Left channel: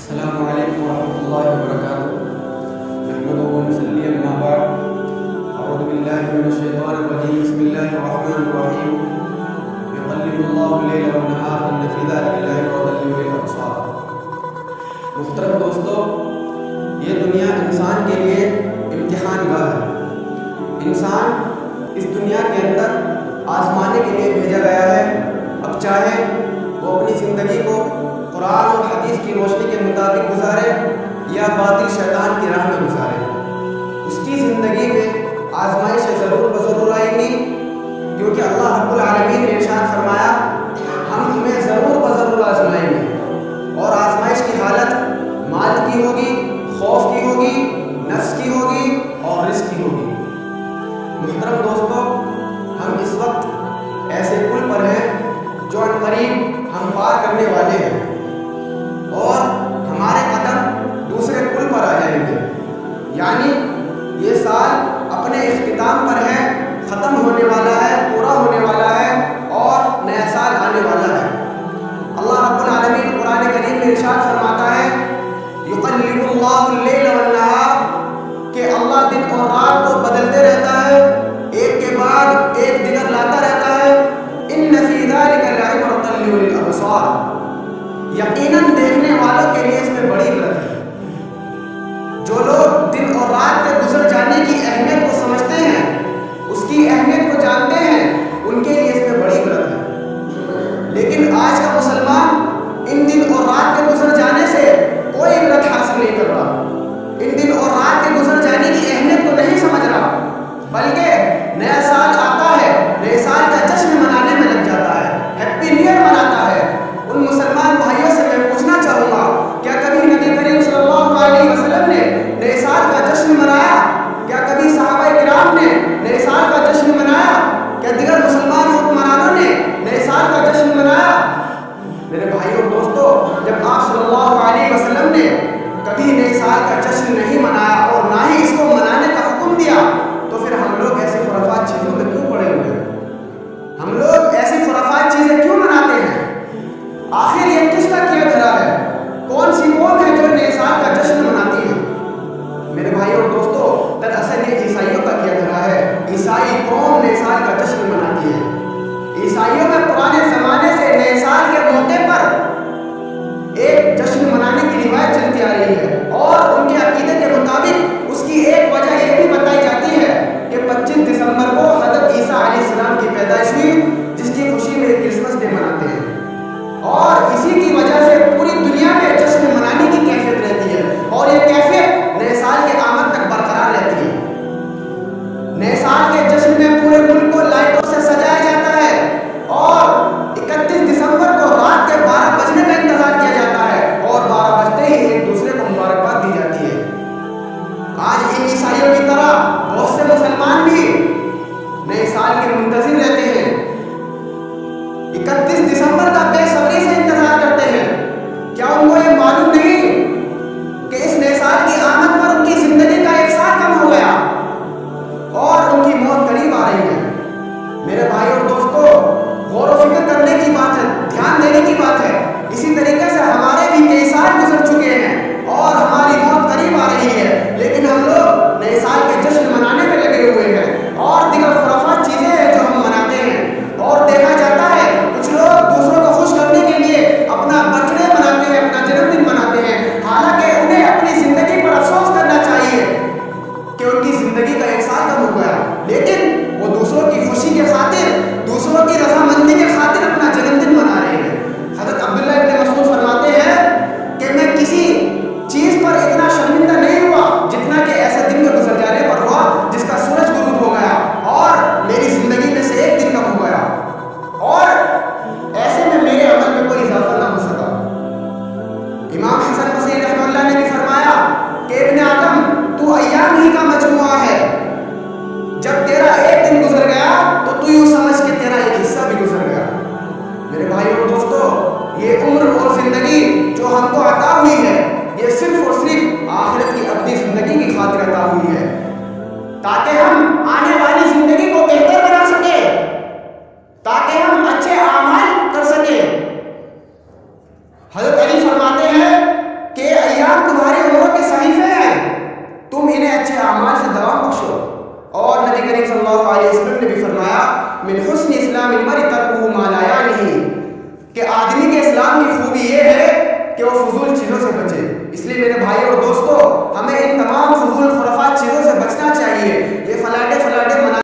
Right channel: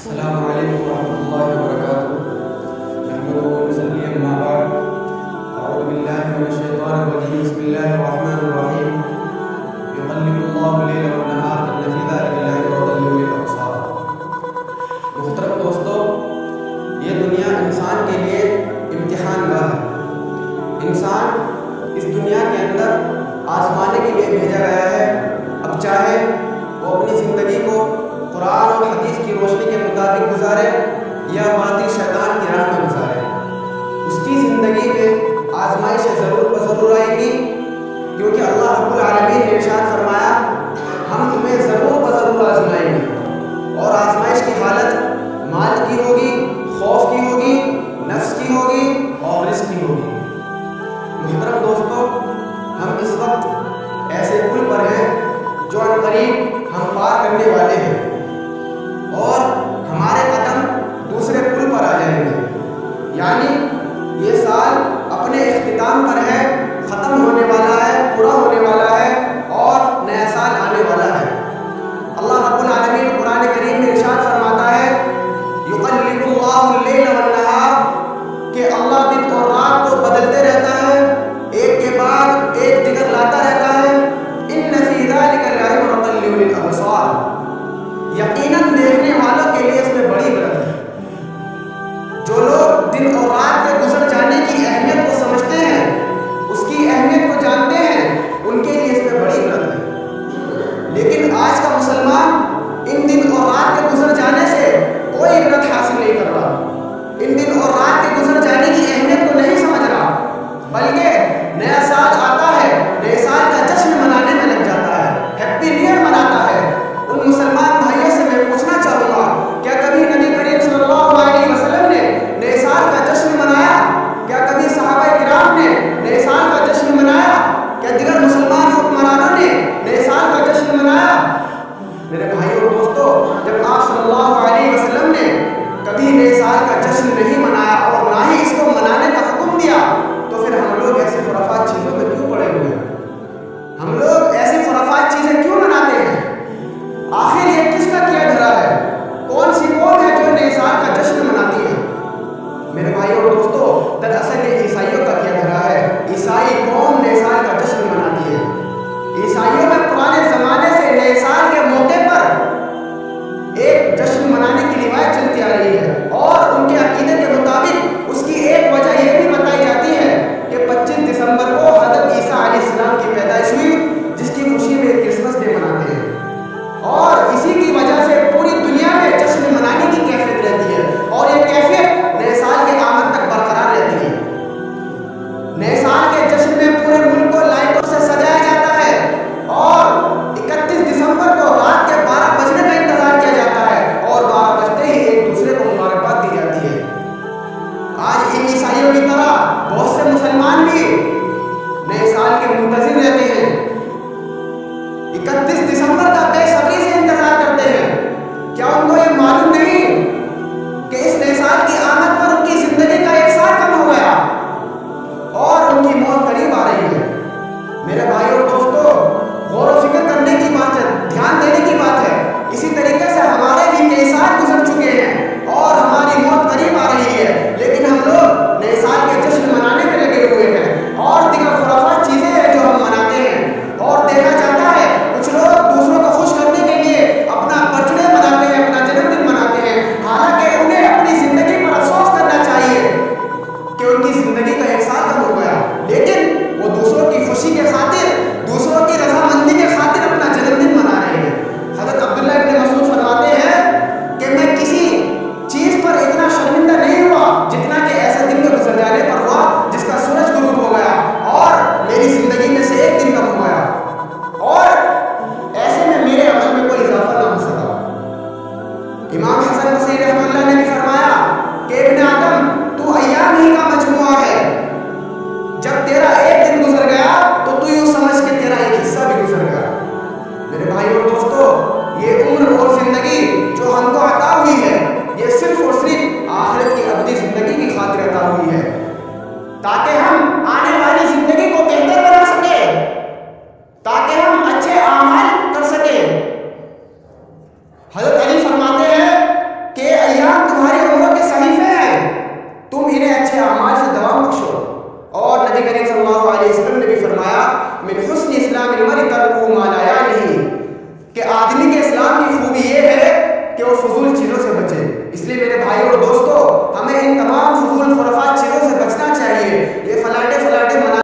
السلام علیکم ورحمۃ اللہ وبرکاتہ نحمده ونصلی اما بعد اعوذ باللہ من الشیطان الرجیم بسم اللہ الرحمن الرحیم یقلب اللہ اللیل والنہار ان فی ذلک لعبرۃ لأولی الابصار۔ محترم دوستو، یہ دنیا انسان کے لیے امتحان گاہ ہے۔ انسان اس دنیا کے اندر آزمانے کے لیے بھیجا گیا ہے۔ اب چاہے وہ اپنی زندگی کو قرآن اور حدیث کی روشنی کے مطابق گزارے یا باطل شیطان کی راہ میں گزارے، اس کی زندگی میں آزمائشیں ضرور بضرور آئیں گی، کیونکہ اللہ رب العالمین نے ارشاد فرمایا ہم تمہیں ضرور بضرور آزمائیں گے، اور آزمائش کی حالت مال کی ہوگی، خوف کی ہوگی، نفس کی ہوگی اور رزق کی ہوگی۔ محترم دوستو، ہم اس وقت ایسے پل پر ہیں جو عنقریب ہم پار کرنے والے ہیں، اور ہمارے قدم دوسرے پل پر آ جائیں گے۔ یعنی یہ سال اپنے اختتام پر ہے، ختم ہونے والا ہے، پورا ہونے والا ہے اور نیا سال آنے والا ہے۔ اللہ رب العالمین قرآن کریم میں ارشاد فرماتا ہے یقلب اللہ اللیل والنہار، کہ اللہ دن اور رات کو بدلتے رہتا ہے، ایک کے بعد ایک دیگر لاتا رہتا ہے۔ ان فی ذلک لعبرۃ لأولی الابصار، یقیناً دیکھنے والوں کے لیے اس میں بڑی عبرت ہے۔ جو لوگ دن اور رات کے گزر جانے کی اہمیت کو سمجھتے ہیں، اس کی اہمیت کو جانتے ہیں، ان کے لیے اس میں بڑی عبرت ہے۔ لیکن آج کا مسلمان ان دن اور رات کے گزر جانے سے کوئی عبرت حاصل نہیں کر رہا، ان دن اور رات کے گزر جانے کی اہمیت کو نہیں سمجھ رہا، بلکہ نیا سال آتا ہے، نئے سال کا جشن منانے میں لگ جاتا ہے، ہیپی نیو ایئر مناتا ہے۔ ان مسلمان بھائیوں سے میں پوچھنا چاہوں گا، کیا کبھی نبی کریم صلی اللہ علیہ وسلم نے نئے سال کا جشن منایا؟ کیا کبھی صحابہ کرام نے نئے سال کا جشن منایا؟ کیا دیگر مسلمان حکمرانوں نے نئے سال کا جشن منایا؟ میرے بھائیوں اور دوستو، جب آپ صلی اللہ علیہ وسلم نے کبھی نئے سال کا جشن نہیں منایا اور نہ ہی اس کو منانے کا حکم دیا، تو پھر ہم لوگ ایسی خرافات چیزوں میں کیوں پڑے ہوئے ہیں؟ ہم لوگ ایسی خرافات چیزیں کیوں مناتے ہیں؟ آخر یہ کس کا کیا دھرا ہے؟ کون سی قوم ہے جو نئے سال کا جشن مناتی ہے؟ میرے بھائی اور دوستو، دراصل یہ عیسائیوں کا کیا دھرا ہے۔ عیسائی قوم نئے سال کا جشن مناتی ہے۔ عیسائیوں میں پرانے زمانے سے نئے سال کے موقع پر ایک جشن منانے کی روایت چلتی آ رہی ہے، اور ان کے عقیدے کے مطابق اس کی ایک وجہ یہ بھی بتائی جاتی ہے کہ 25 دسمبر کو حضرت عیسیٰ علیہ السلام کی پیدائش ہوئی، جس کی خوشی میں کرسمس ڈے مناتے ہیں، اور اسی کی وجہ سے پوری دنیا میں جشن منانے کی کیفیت رہتی ہے، اور یہ کیفیت نئے سال کے آمد تک برقرار رہتی ہے۔ نئے سال کے جشن میں پورے ملک کو لائٹوں سے سجایا جاتا ہے، اور 31 دسمبر کو رات کے 12 بجنے کا انتظار کیا جاتا ہے، اور 12 بجتے ہی ایک دوسرے کو مبارکباد دی جاتی ہے۔ آج ان عیسائیوں کی طرح بہت سے مسلمان بھی نئے سال کے منتظر رہتے ہیں، 31 دسمبر کا بے صبری سے انتظار کرتے ہیں۔ کیا ان کو یہ معلوم نہیں کہ اس نئے سال کی آمد پر ان کی زندگی کا ایک سال کم ہو گیا اور ان کی موت قریب آ رہی ہے؟ میرے بھائی اور دوستو، غور و فکر کرنے کی بات ہے، دھیان دینے کی بات ہے۔ اسی طریقے سے ہمارے بھی کئی سال گزر چکے ہیں اور ہماری موت قریب آ رہی ہے، لیکن ہم لوگ نئے سال کے جشن منانے میں لگے ہوئے ہیں، اور دیگر خرافات چیزیں ہیں جو ہم مناتے ہیں۔ اور دیکھا جاتا ہے کچھ لوگ دوسروں کو خوش کرنے کے لیے اپنا برتھ ڈے مناتے ہیں، اپنا جنم دن مناتے ہیں، حالانکہ انہیں اپنی زندگی پر افسوس کرنا چاہیے کہ ان کی زندگی کا ایک سال کم ہو گیا، لیکن وہ دوسروں کی خوشی کے خاطر، دوسروں کی رضامندی کے خاطر اپنا جنم دن منا رہے ہیں۔ حضرت عبداللہ ابن مسعود فرماتے ہیں کہ میں کسی چیز پر اتنا شرمندہ نہیں ہوا جتنا کہ ایسے دن کے گزر جانے پر ہوا جس کا سورج غروب ہو گیا اور میری زندگی میں سے ایک دن کم ہو گیا، اور ایسے میں میرے عمل میں کوئی اضافہ نہ ہو سکا۔ امام حسن بصری رحمہ اللہ نے بھی فرمایا کہ ابن آدم، تو ایام ہی کا مجموعہ ہے، جب تیرا ایک دن گزر گیا تو تو یوں سمجھ کہ تیرا ایک حصہ بھی گزر گیا۔ میرے بھائی اور دوستو، یہ عمر اور زندگی جو ہم کو عطا ہوئی ہے، یہ صرف اور صرف آخرت کی ابدی زندگی کی خاطر عطا ہوئی ہے، تاکہ ہم آنے والی زندگی کو بہتر بنا سکیں، تاکہ ہم اچھے اعمال کر سکیں۔ حضرت علی فرماتے ہیں کہ کریم صلی اللہ علیہ وسلم نے بھی فرمایا من حسن اسلام المرء ترکہ ما لا یعنیہ، کہ آدمی کے اسلام کی خوبی یہ ہے کہ وہ فضول چیزوں سے بچے۔ اس لیے میرے بھائی اور دوستو، ہمیں ان تمام فضول خرافات چیزوں سے بچنا چاہیے۔ یہ فلاٹے